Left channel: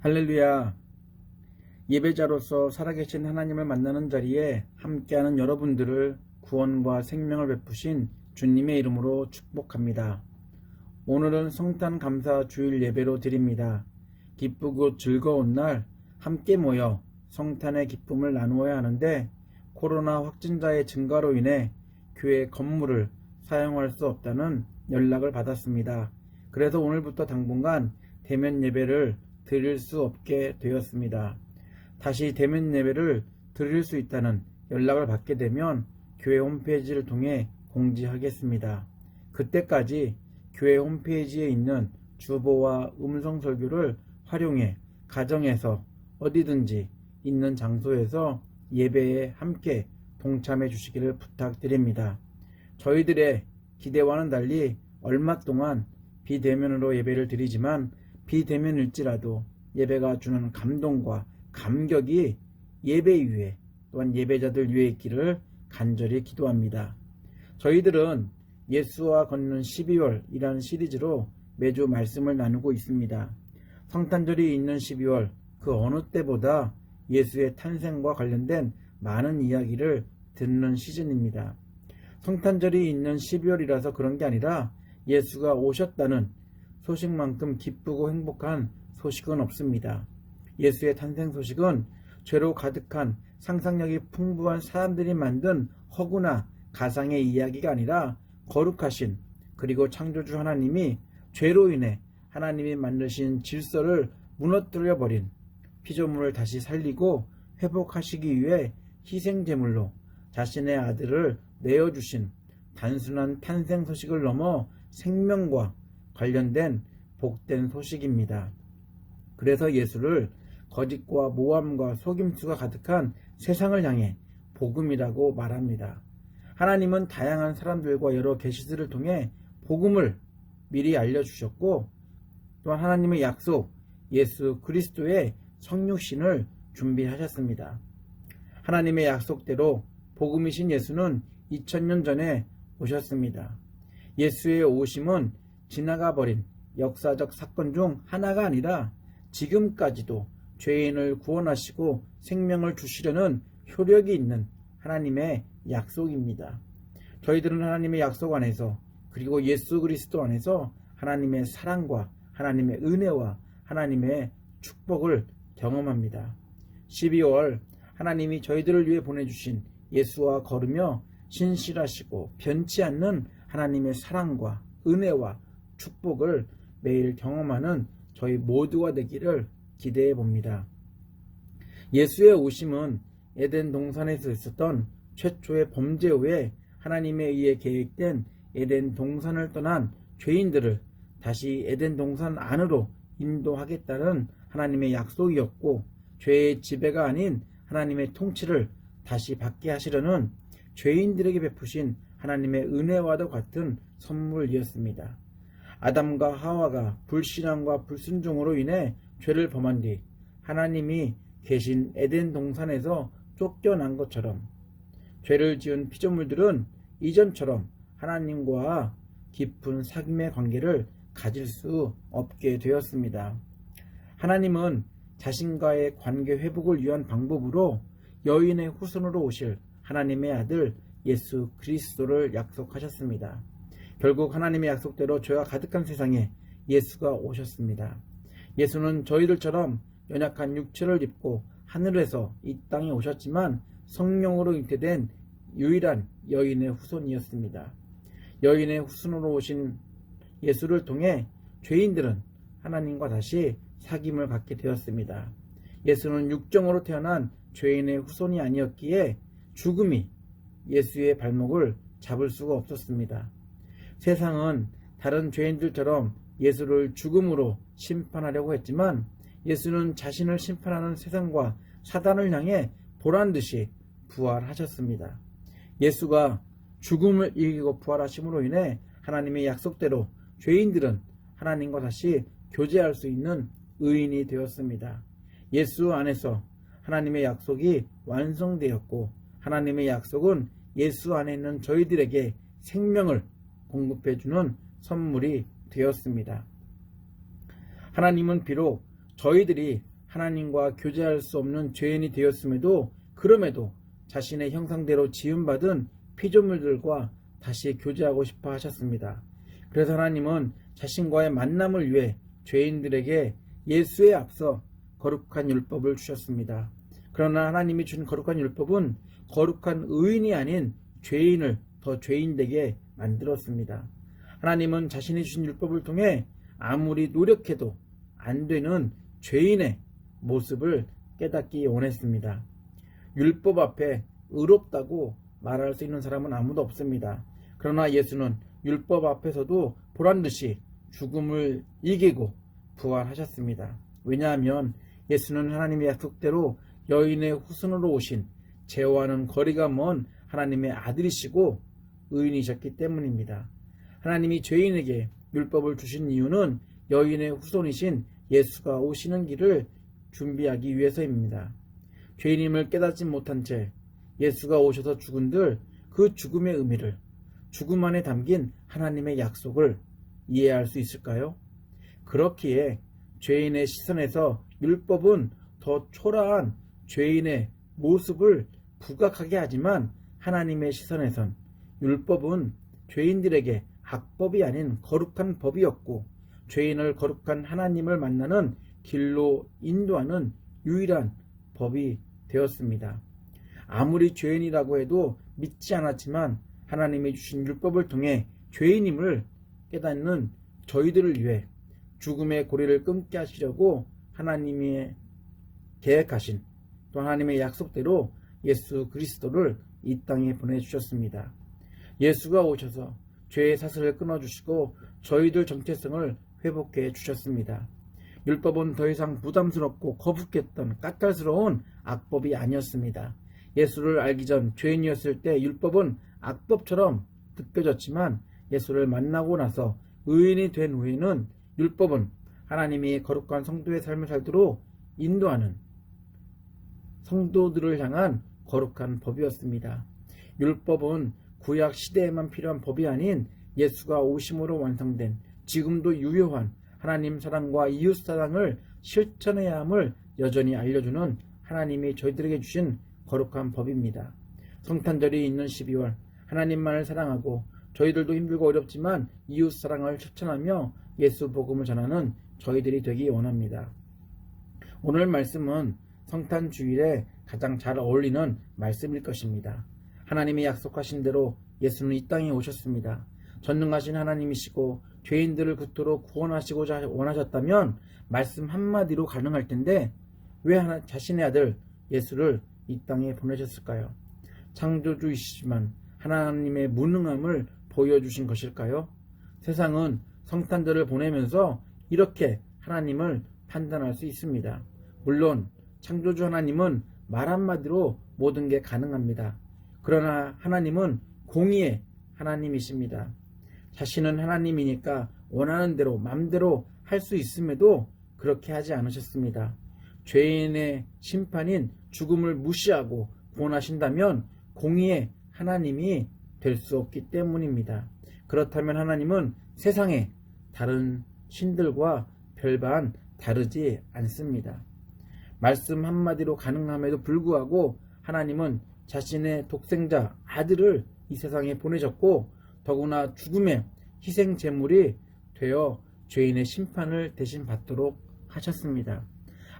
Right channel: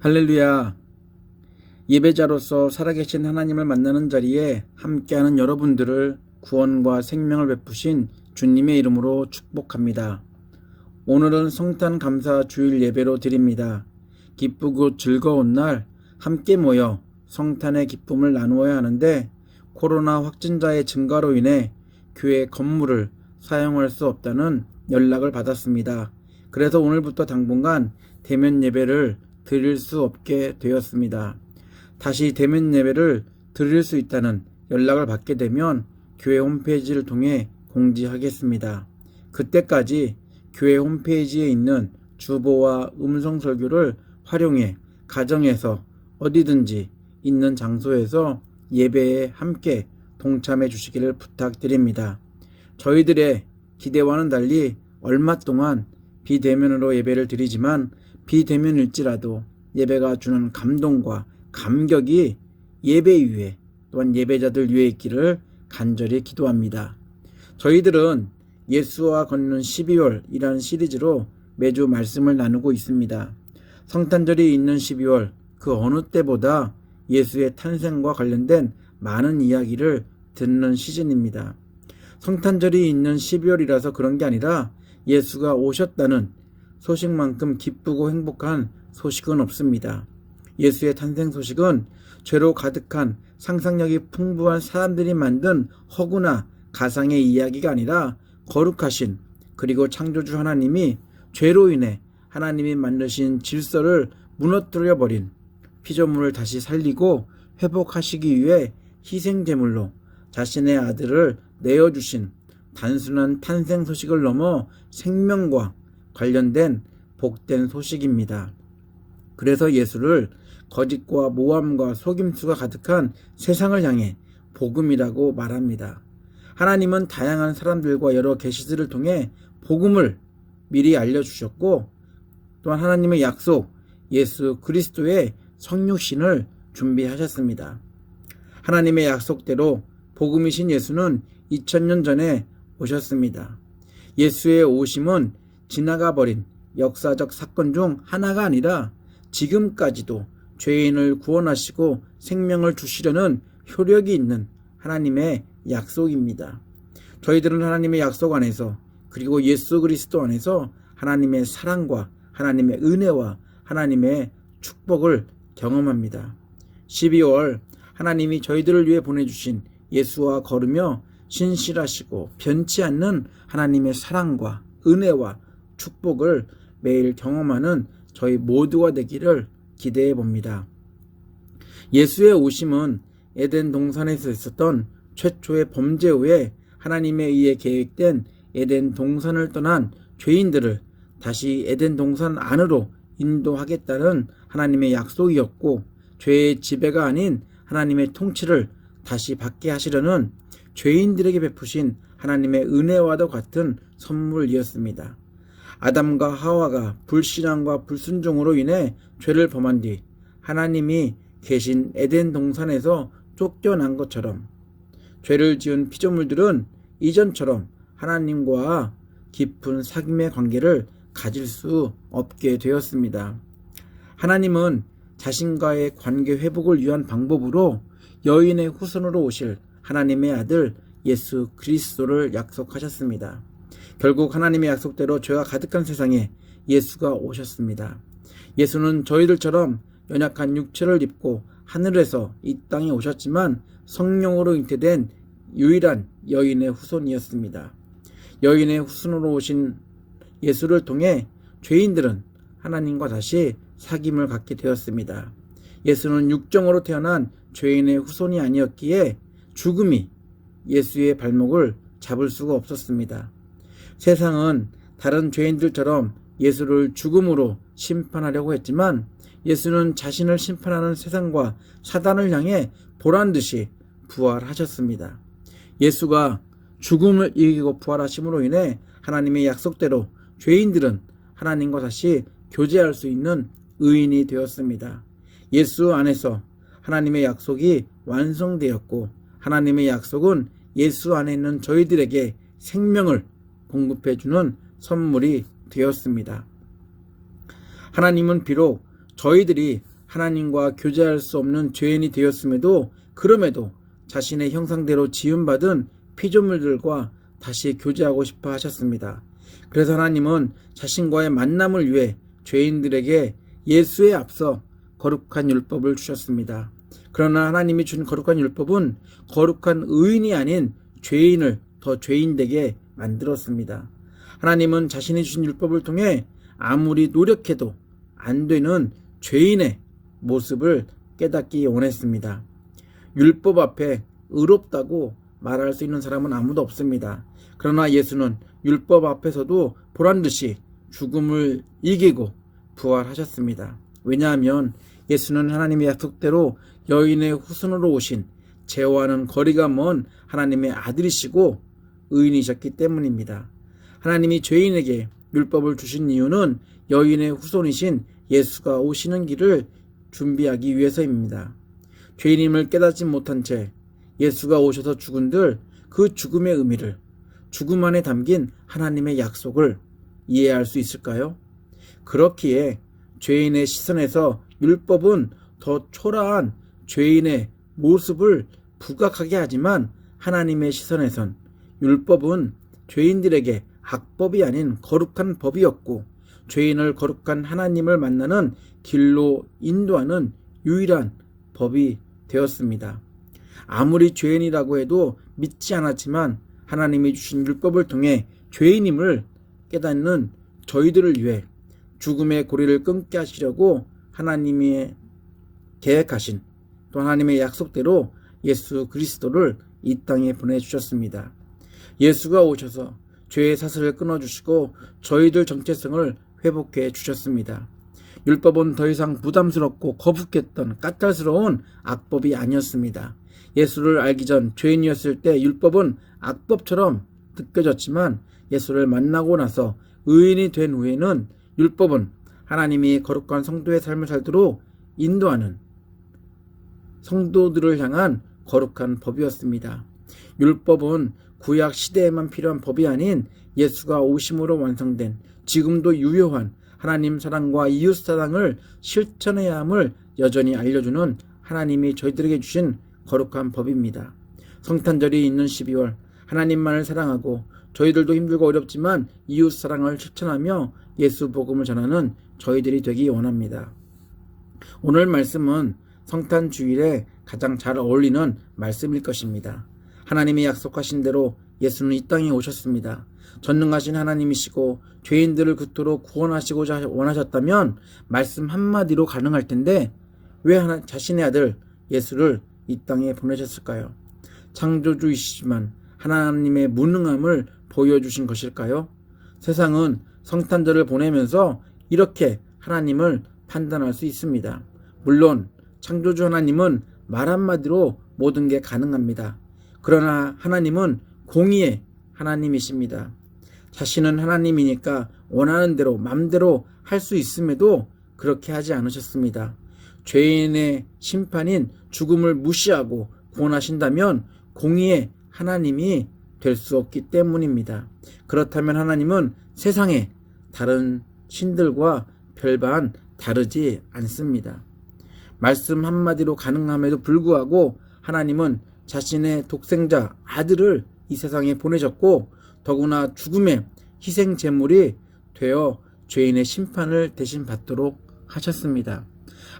할렐루야. 예배자로서 살아계신 하나님을 만나는 자리에 함께하는 여러분들을 구원과 생명을 베푸신 주님의 이름으로 축복합니다. 오늘은 성탄 감사 주일 예배로 드립니다. 기쁘고 즐거운 날 함께 모여 성탄의 기쁨을 나누어야 하는데 코로나 확진자의 증가로 인해 교회 건물을 사용할 수 없다는 연락을 받았습니다. 그래서 오늘부터 당분간 대면 예배를 드릴 수 없게 되었습니다. 다시 대면 예배를 드릴 수 있다는 연락을 받게 되면 교회 홈페이지를 통해 공지하겠습니다. 그때까지 교회 홈페이지에 있는 주보와 음성 설교를 활용해 가정에서 어디든지 있는 장소에서 예배에 함께 동참해 주시기를 부탁드립니다. 저희들의 기대와는 달리 얼마 동안 비대면으로 예배를 드리지만 비대면일지라도 예배가 주는 감동과 감격이 예배 위에 또한 예배자들 위에 있기를 간절히 기도합니다. 저희들은 예수와 걷는 12월이라는 시리즈로 매주 말씀을 나누고 있습니다. 성탄절이 있는 12월 그 어느 때보다 예수의 탄생과 관련된 많은 이야기를 듣는 시즌입니다. 성탄절이 있는 12월이라서 그런 게 아니라 예수가 오셨다는 소식만큼 기쁘고 행복한 소식은 없습니다. 예수의 탄생 소식은 죄로 가득한 상상력이 풍부한 사람들이 만든 허구나 가상의 이야기가 아니라 거룩하신 그리고 창조주 하나님이 죄로 인해 하나님이 만드신 질서를 무너뜨려버린 피조물을 다시 살리고 회복하시기 위해 희생제물로 자신의 아들을 내어주신 단순한 탄생 소식을 넘어 생명과 관련된 복된 소식입니다. 그래서 예수를 거짓과 모함과 속임수가 가득한 세상을 향해 복음이라고 말합니다. 하나님은 다양한 사람들과 여러 계시들을 통해 복음을 미리 알려주셨고 또한 하나님의 약속 예수 그리스도의 성육신을 준비하셨습니다. 하나님의 약속대로 복음이신 예수는 2000년 전에 오셨습니다. 예수의 오심은 지나가버린 역사적 사건 중 하나가 아니라 지금까지도 죄인을 구원하시고 생명을 주시려는 효력이 있는 하나님의 약속입니다. 저희들은 하나님의 약속 안에서 그리고 예수 그리스도 안에서 하나님의 사랑과 하나님의 은혜와 하나님의 축복을 경험합니다. 12월 하나님이 저희들을 위해 보내주신 예수와 걸으며 신실하시고 변치 않는 하나님의 사랑과 은혜와 축복을 매일 경험하는 저희 모두가 되기를 기대해 봅니다. 예수의 오심은 에덴 동산에서 있었던 최초의 범죄 후에 하나님에 의해 계획된 에덴 동산을 떠난 죄인들을 다시 에덴 동산 안으로 인도하겠다는 하나님의 약속이었고 죄의 지배가 아닌 하나님의 통치를 다시 받게 하시려는 죄인들에게 베푸신 하나님의 은혜와도 같은 선물이었습니다. 아담과 하와가 불신앙과 불순종으로 인해 죄를 범한 뒤 하나님이 계신 에덴 동산에서 쫓겨난 것처럼 죄를 지은 피조물들은 이전처럼 하나님과 깊은 사귐의 관계를 가질 수 없게 되었습니다. 하나님은 자신과의 관계 회복을 위한 방법으로 여인의 후손으로 오실 하나님의 아들 예수 그리스도를 약속하셨습니다. 결국 하나님의 약속대로 죄가 가득한 세상에 예수가 오셨습니다. 예수는 저희들처럼 연약한 육체를 입고 하늘에서 이 땅에 오셨지만 성령으로 잉태된 유일한 여인의 후손이었습니다. 여인의 후손으로 오신 예수를 통해 죄인들은 하나님과 다시 사귐을 갖게 되었습니다. 예수는 육정으로 태어난 죄인의 후손이 아니었기에 죽음이 예수의 발목을 잡을 수가 없었습니다. 세상은 다른 죄인들처럼 예수를 죽음으로 심판하려고 했지만 예수는 자신을 심판하는 세상과 사단을 향해 보란듯이 부활하셨습니다. 예수가 죽음을 이기고 부활하심으로 인해 하나님의 약속대로 죄인들은 하나님과 다시 교제할 수 있는 의인이 되었습니다. 예수 안에서 하나님의 약속이 완성되었고 하나님의 약속은 예수 안에 있는 저희들에게 생명을 공급해주는 선물이 되었습니다. 하나님은 비록 저희들이 하나님과 교제할 수 없는 죄인이 되었음에도 그럼에도 자신의 형상대로 지음받은 피조물들과 다시 교제하고 싶어 하셨습니다. 그래서 하나님은 자신과의 만남을 위해 죄인들에게 예수에 앞서 거룩한 율법을 주셨습니다. 그러나 하나님이 준 거룩한 율법은 거룩한 의인이 아닌 죄인을 더 죄인되게 만들었습니다. 하나님은 자신이 주신 율법을 통해 아무리 노력해도 안 되는 죄인의 모습을 깨닫기 원했습니다. 율법 앞에 의롭다고 말할 수 있는 사람은 아무도 없습니다. 그러나 예수는 율법 앞에서도 보란듯이 죽음을 이기고 부활하셨습니다. 왜냐하면 예수는 하나님의 약속대로 여인의 후손으로 오신 죄와는 거리가 먼 하나님의 아들이시고 의인이셨기 때문입니다. 하나님이 죄인에게 율법을 주신 이유는 여인의 후손이신 예수가 오시는 길을 준비하기 위해서입니다. 죄인임을 깨닫지 못한 채 예수가 오셔서 죽은들 그 죽음의 의미를, 죽음 안에 담긴 하나님의 약속을 이해할 수 있을까요? 그렇기에 죄인의 시선에서 율법은 더 초라한 죄인의 모습을 부각하게 하지만 하나님의 시선에선 율법은 죄인들에게 악법이 아닌 거룩한 법이었고 죄인을 거룩한 하나님을 만나는 길로 인도하는 유일한 법이 되었습니다. 아무리 죄인이라고 해도 믿지 않았지만 하나님이 주신 율법을 통해 죄인임을 깨닫는 저희들을 위해 죽음의 고리를 끊게 하시려고 하나님이 계획하신 또 하나님의 약속대로 예수 그리스도를 이 땅에 보내주셨습니다. 예수가 오셔서 죄의 사슬을 끊어주시고 저희들 정체성을 회복해 주셨습니다. 율법은 더 이상 부담스럽고 거북했던 까탈스러운 악법이 아니었습니다. 예수를 알기 전 죄인이었을 때 율법은 악법처럼 느껴졌지만 예수를 만나고 나서 의인이 된 후에는 율법은 하나님이 거룩한 성도의 삶을 살도록 인도하는 성도들을 향한 거룩한 법이었습니다. 율법은 구약 시대에만 필요한 법이 아닌 예수가 오심으로 완성된 지금도 유효한 하나님 사랑과 이웃 사랑을 실천해야 함을 여전히 알려주는 하나님이 저희들에게 주신 거룩한 법입니다. 성탄절이 있는 12월 하나님만을 사랑하고 저희들도 힘들고 어렵지만 이웃 사랑을 실천하며 예수 복음을 전하는 저희들이 되기 원합니다. 오늘 말씀은 성탄 주일에 가장 잘 어울리는 말씀일 것입니다. 하나님이 약속하신 대로 예수는 이 땅에 오셨습니다. 전능하신 하나님이시고 죄인들을 그토록 구원하시고자 원하셨다면 말씀 한마디로 가능할 텐데 왜 자신의 아들 예수를 이 땅에 보내셨을까요? 창조주이시지만 하나님의 무능함을 보여주신 것일까요? 세상은 성탄절을 보내면서 이렇게 하나님을 판단할 수 있습니다. 물론 창조주 하나님은 말 한마디로 모든 게 가능합니다. 그러나 하나님은 공의의 하나님이십니다. 자신은 하나님이니까 원하는 대로 맘대로 할 수 있음에도 그렇게 하지 않으셨습니다. 죄인의 심판인 죽음을 무시하고 구원하신다면 공의의 하나님이 될 수 없기 때문입니다. 그렇다면 하나님은 세상의 다른 신들과 별반 다르지 않습니다. 말씀 한마디로 가능함에도 불구하고 하나님은 자신의 독생자 아들을 이 세상에 보내셨고 더구나 죽음의 희생 제물이 되어 죄인의 심판을 대신 받도록 하셨습니다.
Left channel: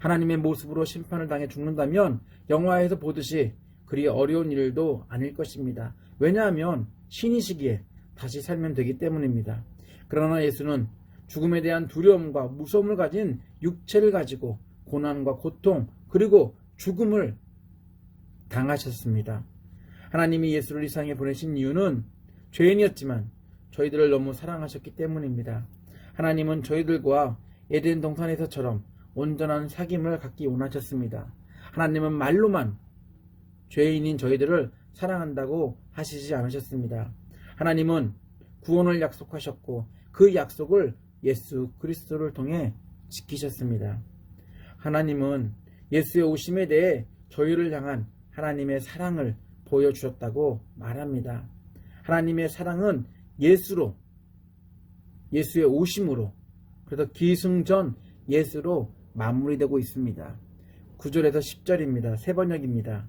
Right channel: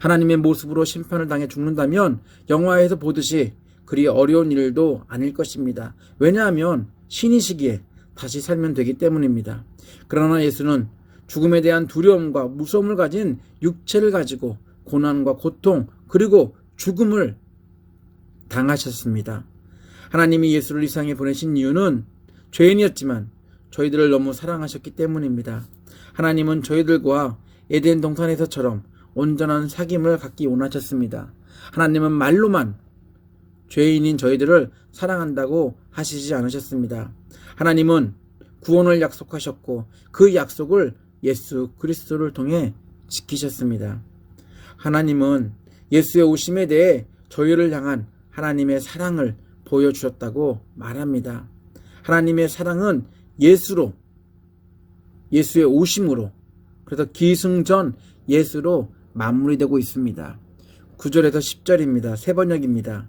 하나님의 모습으로 심판을 당해 죽는다면 영화에서 보듯이 그리 어려운 일도 아닐 것입니다. 왜냐하면 신이시기에 다시 살면 되기 때문입니다. 그러나 예수는 죽음에 대한 두려움과 무서움을 가진 육체를 가지고 고난과 고통 그리고 죽음을 당하셨습니다. 하나님이 예수를 이 세상에 보내신 이유는 죄인이었지만 저희들을 너무 사랑하셨기 때문입니다. 하나님은 저희들과 에덴 동산에서처럼 온전한 사귐을 갖기 원하셨습니다. 하나님은 말로만 죄인인 저희들을 사랑한다고 하시지 않으셨습니다. 하나님은 구원을 약속하셨고 그 약속을 예수 그리스도를 통해 지키셨습니다. 하나님은 예수의 오심에 대해 저희를 향한 하나님의 사랑을 보여주셨다고 말합니다. 하나님의 사랑은 예수의 오심으로, 그래서 기승전 예수로 마무리되고 있습니다. 9절에서 10절입니다. 세 번역입니다.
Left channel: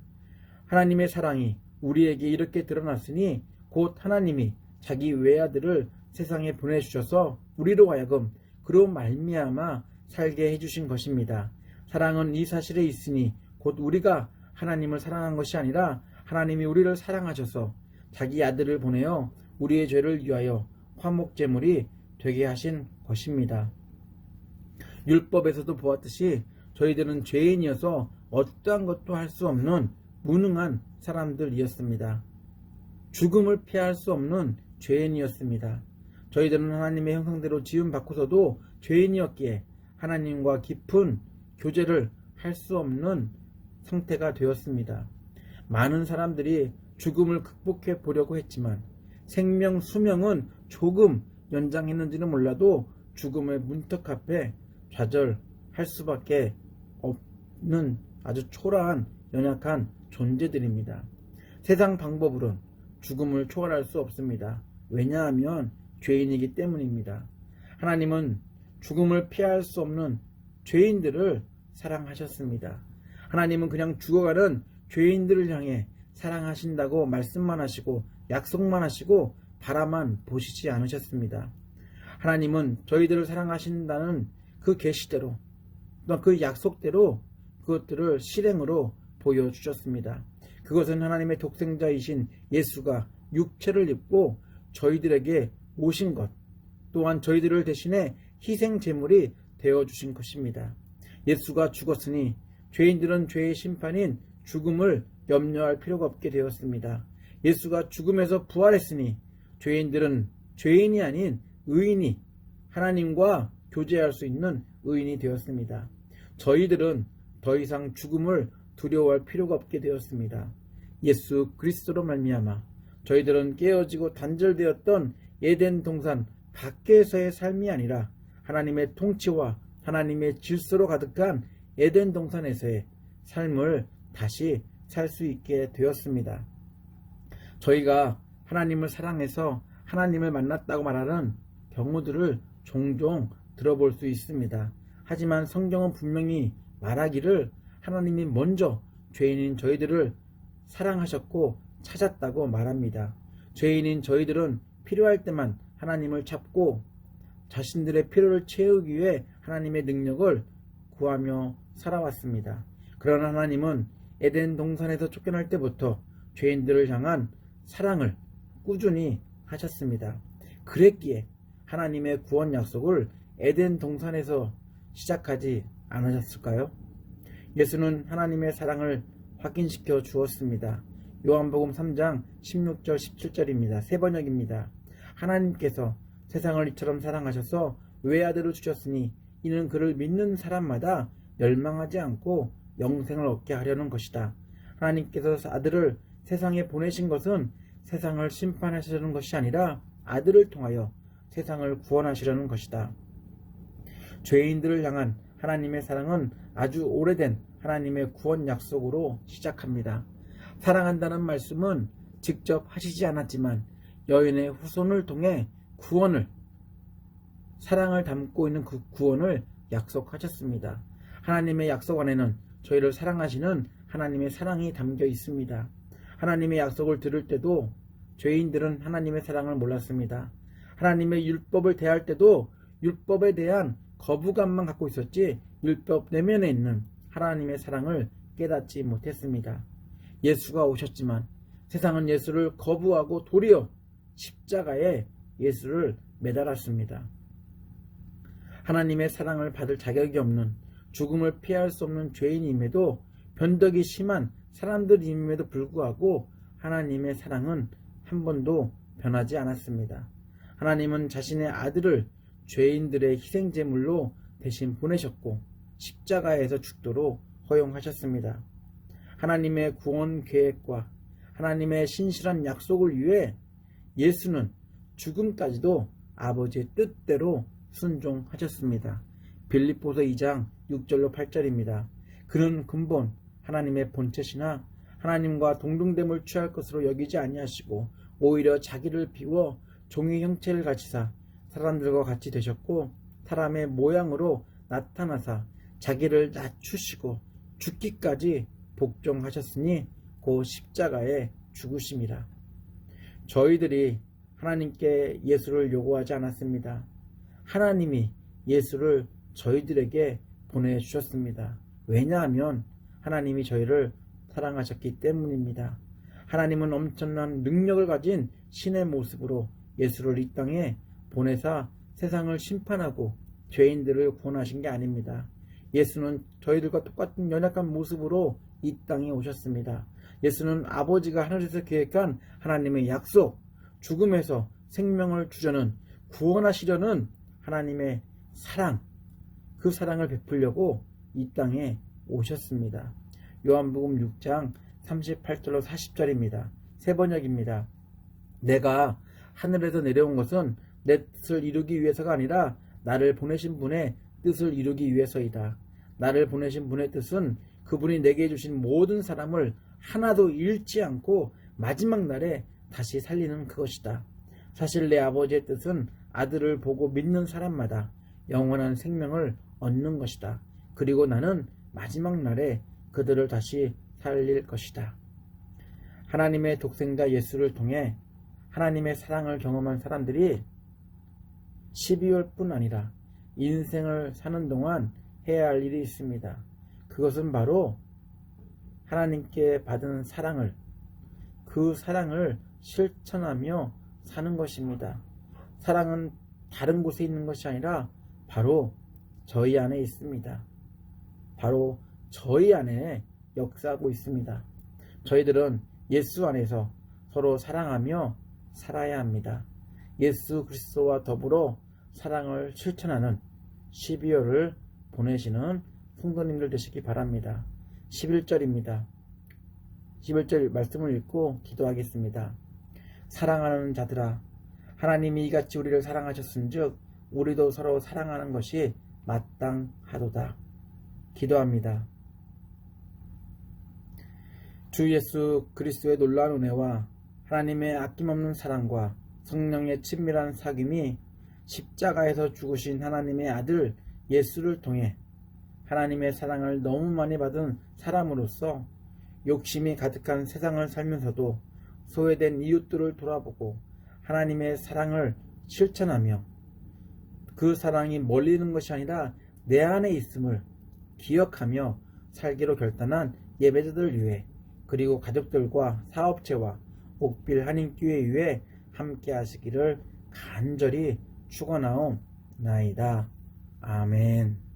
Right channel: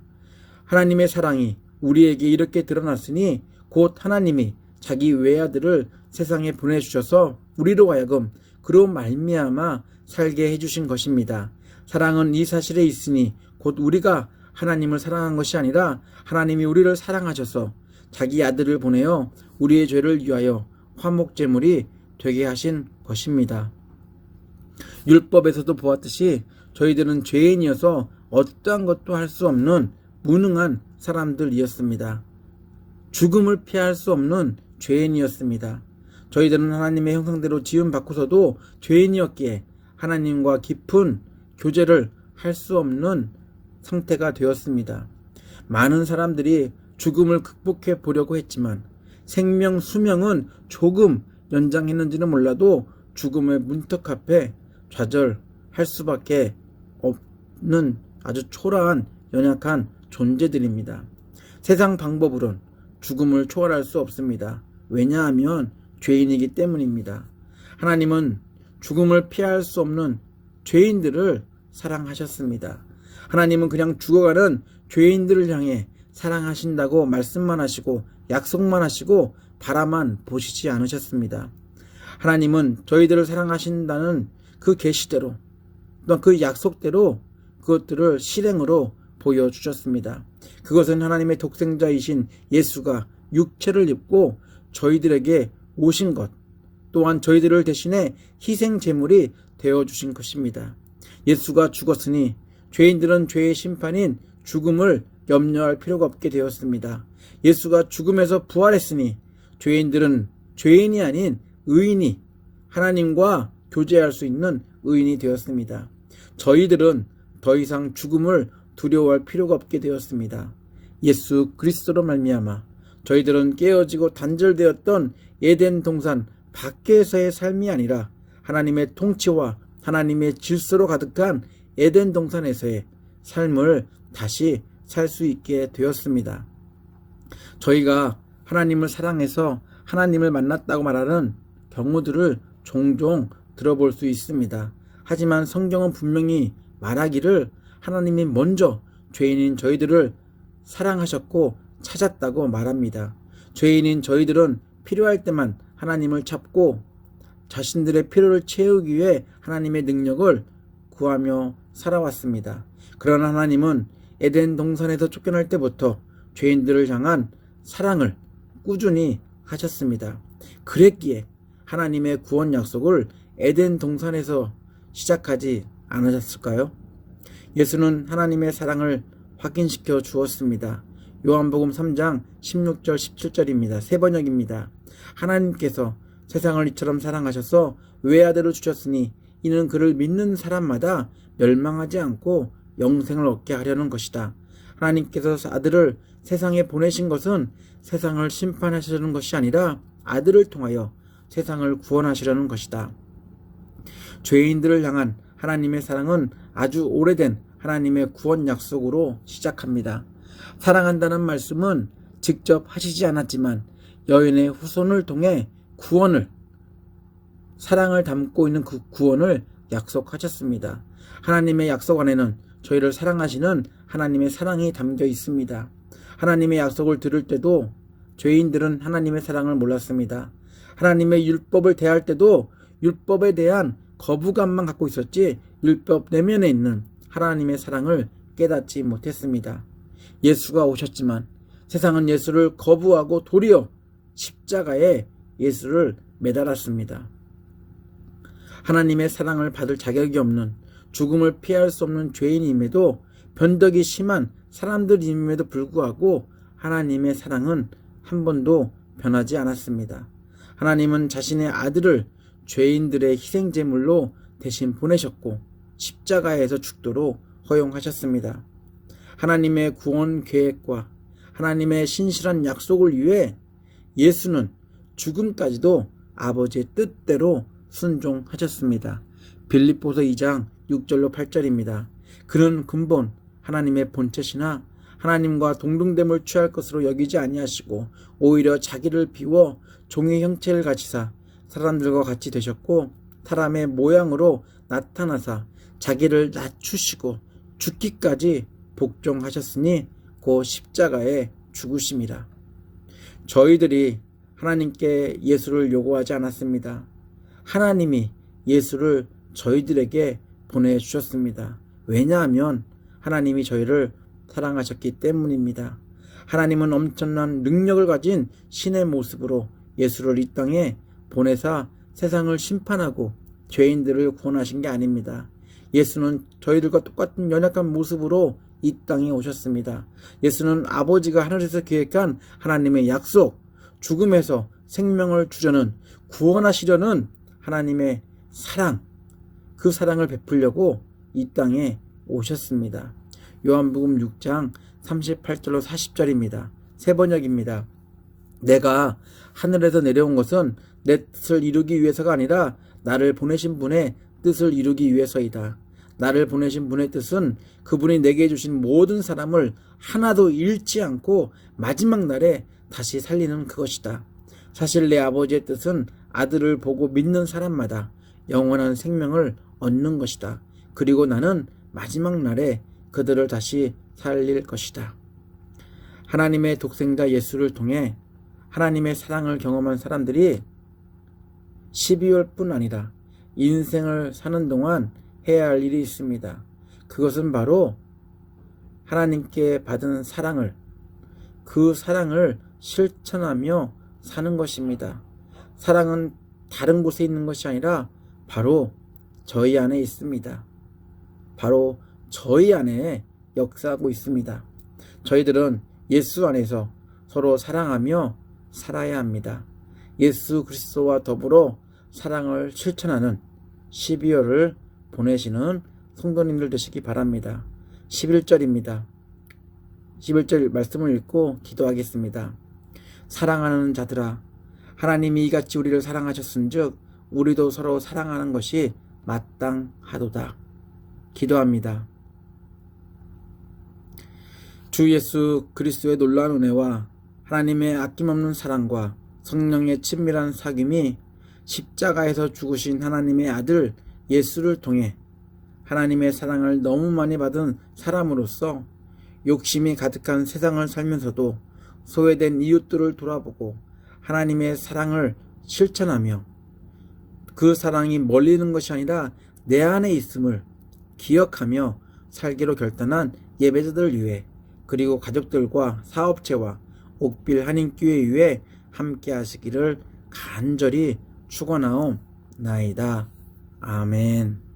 하나님의 사랑이 우리에게 이렇게 드러났으니 곧 하나님이 자기 외아들을 세상에 보내주셔서 우리로 하여금 그로 말미암아 살게 해주신 것입니다. 사랑은 이 사실에 있으니 곧 우리가 하나님을 사랑한 것이 아니라 하나님이 우리를 사랑하셔서 자기 아들을 보내어 우리의 죄를 위하여 화목제물이 되게 하신 것입니다. 율법에서도 보았듯이 저희들은 죄인이어서 어떠한 것도 할 수 없는 무능한 사람들이었습니다. 죽음을 피할 수 없는 죄인이었습니다. 저희들은 하나님의 형상대로 지음받고서도 죄인이었기에 하나님과 깊은 교제를 할 수 없는 상태가 되었습니다. 많은 사람들이 죽음을 극복해 보려고 했지만 생명 수명은 조금 연장했는지는 몰라도 죽음의 문턱 앞에 좌절할 수밖에 없는 아주 초라한 연약한 존재들입니다. 세상 방법으론 죽음을 초월할 수 없습니다. 왜냐하면 죄인이기 때문입니다. 하나님은 죽음을 피할 수 없는 죄인들을 사랑하셨습니다. 하나님은 그냥 죽어가는 죄인들을 향해 사랑하신다고 말씀만 하시고 약속만 하시고 바라만 보시지 않으셨습니다. 하나님은 저희들을 사랑하신다는 그 계시대로 또 그 약속대로 그것들을 실행으로 보여주셨습니다. 그것은 하나님의 독생자이신 예수가 육체를 입고 저희들에게 오신 것, 또한 저희들을 대신해 희생 제물이 되어주신 것입니다. 예수가 죽었으니 죄인들은 죄의 심판인 죽음을 염려할 필요가 없게 되었습니다. 예수가 죽음에서 부활했으니 죄인들은 죄인이 아닌 의인이 하나님과 교제할 수 있는 의인이 되었습니다. 저희들은 더 이상 죽음을 두려워할 필요가 없게 되었습니다. 예수 그리스도로 말미암아 저희들은 깨어지고 단절되었던 에덴 동산 밖에서의 삶이 아니라 하나님의 통치와 하나님의 질서로 가득한 에덴 동산에서의 삶을 다시 살 수 있게 되었습니다. 저희가 하나님을 사랑해서 하나님을 만났다고 말하는 경우들을 종종 들어볼 수 있습니다. 하지만 성경은 분명히 말하기를 하나님이 먼저 죄인인 저희들을 사랑하셨고 찾았다고 말합니다. 죄인인 저희들은 필요할 때만 하나님을 찾고 자신들의 필요를 채우기 위해 하나님의 능력을 구하며 살아왔습니다. 그러나 하나님은 에덴 동산에서 쫓겨날 때부터 죄인들을 향한 사랑을 꾸준히 하셨습니다. 그랬기에 하나님의 구원 약속을 에덴 동산에서 시작하지 않으셨을까요? 예수는 하나님의 사랑을 확인시켜 주었습니다. 요한복음 3장 16절 17절입니다. 세 번역입니다. 하나님께서 세상을 이처럼 사랑하셔서 외아들을 주셨으니 이는 그를 믿는 사람마다 멸망하지 않고 영생을 얻게 하려는 것이다. 하나님께서 아들을 세상에 보내신 것은 세상을 심판하시려는 것이 아니라 아들을 통하여 세상을 구원하시려는 것이다. 죄인들을 향한 하나님의 사랑은 아주 오래된 하나님의 구원 약속으로 시작합니다. 사랑한다는 말씀은 직접 하시지 않았지만 여인의 후손을 통해 구원을, 사랑을 담고 있는 그 구원을 약속하셨습니다. 하나님의 약속 안에는 저희를 사랑하시는 하나님의 사랑이 담겨 있습니다. 하나님의 약속을 들을 때도 죄인들은 하나님의 사랑을 몰랐습니다. 하나님의 율법을 대할 때도 율법에 대한 거부감만 갖고 있었지 율법 내면에 있는 하나님의 사랑을 깨닫지 못했습니다. 예수가 오셨지만 세상은 예수를 거부하고 도리어 십자가에 예수를 매달았습니다. 하나님의 사랑을 받을 자격이 없는, 죽음을 피할 수 없는 죄인임에도 변덕이 심한 사람들임에도 불구하고 하나님의 사랑은 한 번도 변하지 않았습니다. 하나님은 자신의 아들을 죄인들의 희생제물로 대신 보내셨고 십자가에서 죽도록 허용하셨습니다. 하나님의 구원 계획과 하나님의 신실한 약속을 위해 예수는 죽음까지도 아버지의 뜻대로 순종하셨습니다. 빌립보서 2장 6절로 8절입니다. 그는 근본 하나님의 본체시나 하나님과 동등됨을 취할 것으로 여기지 아니하시고 오히려 자기를 비워 종의 형체를 가지사 사람들과 같이 되셨고 사람의 모양으로 나타나사 자기를 낮추시고 죽기까지 복종하셨으니 그 십자가에 죽으심이라. 저희들이 하나님께 예수를 요구하지 않았습니다. 하나님이 예수를 저희들에게 보내주셨습니다. 왜냐하면 하나님이 저희를 사랑하셨기 때문입니다. 하나님은 엄청난 능력을 가진 신의 모습으로 예수를 이 땅에 보내사 세상을 심판하고 죄인들을 구원하신 게 아닙니다. 예수는 저희들과 똑같은 연약한 모습으로 이 땅에 오셨습니다. 예수는 아버지가 하늘에서 계획한 하나님의 약속, 죽음에서 생명을 주려는, 구원하시려는 하나님의 사랑, 그 사랑을 베풀려고 이 땅에 오셨습니다. 요한복음 6장 38절로 40절입니다. 세 번역입니다. 내가 하늘에서 내려온 것은 내 뜻을 이루기 위해서가 아니라 나를 보내신 분의 뜻을 이루기 위해서이다. 나를 보내신 분의 뜻은 그분이 내게 주신 모든 사람을 하나도 잃지 않고 마지막 날에 다시 살리는 그것이다. 사실 내 아버지의 뜻은 아들을 보고 믿는 사람마다 영원한 생명을 얻는 것이다. 그리고 나는 마지막 날에 그들을 다시 살릴 것이다. 하나님의 독생자 예수를 통해 하나님의 사랑을 경험한 사람들이 12월뿐 아니라 인생을 사는 동안 해야 할 일이 있습니다. 그것은 바로 하나님께 받은 사랑을, 그 사랑을 실천하며 사는 것입니다. 사랑은 다른 곳에 있는 것이 아니라 바로 저희 안에 있습니다. 바로 저희 안에 역사하고 있습니다. 저희들은 예수 안에서 서로 사랑하며 살아야 합니다. 예수 그리스도와 더불어 사랑을 실천하는 12월을 보내시는 성도님들 되시기 바랍니다. 11절입니다. 11절 말씀을 읽고 기도하겠습니다. 사랑하는 자들아, 하나님이 이같이 우리를 사랑하셨은즉 우리도 서로 사랑하는 것이 마땅하도다. 기도합니다. 주 예수 그리스도의 놀라운 은혜와 하나님의 아낌없는 사랑과 성령의 친밀한 사귐이 십자가에서 죽으신 하나님의 아들 예수를 통해 하나님의 사랑을 너무 많이 받은 사람으로서 욕심이 가득한 세상을 살면서도 소외된 이웃들을 돌아보고 하나님의 사랑을 실천하며 그 사랑이 멀리 있는 것이 아니라 내 안에 있음을 기억하며 살기로 결단한 예배자들 위해, 그리고 가족들과 사업체와 옥빌 한인교회 위해 함께 하시기를 간절히 축원하옵나이다. 아멘.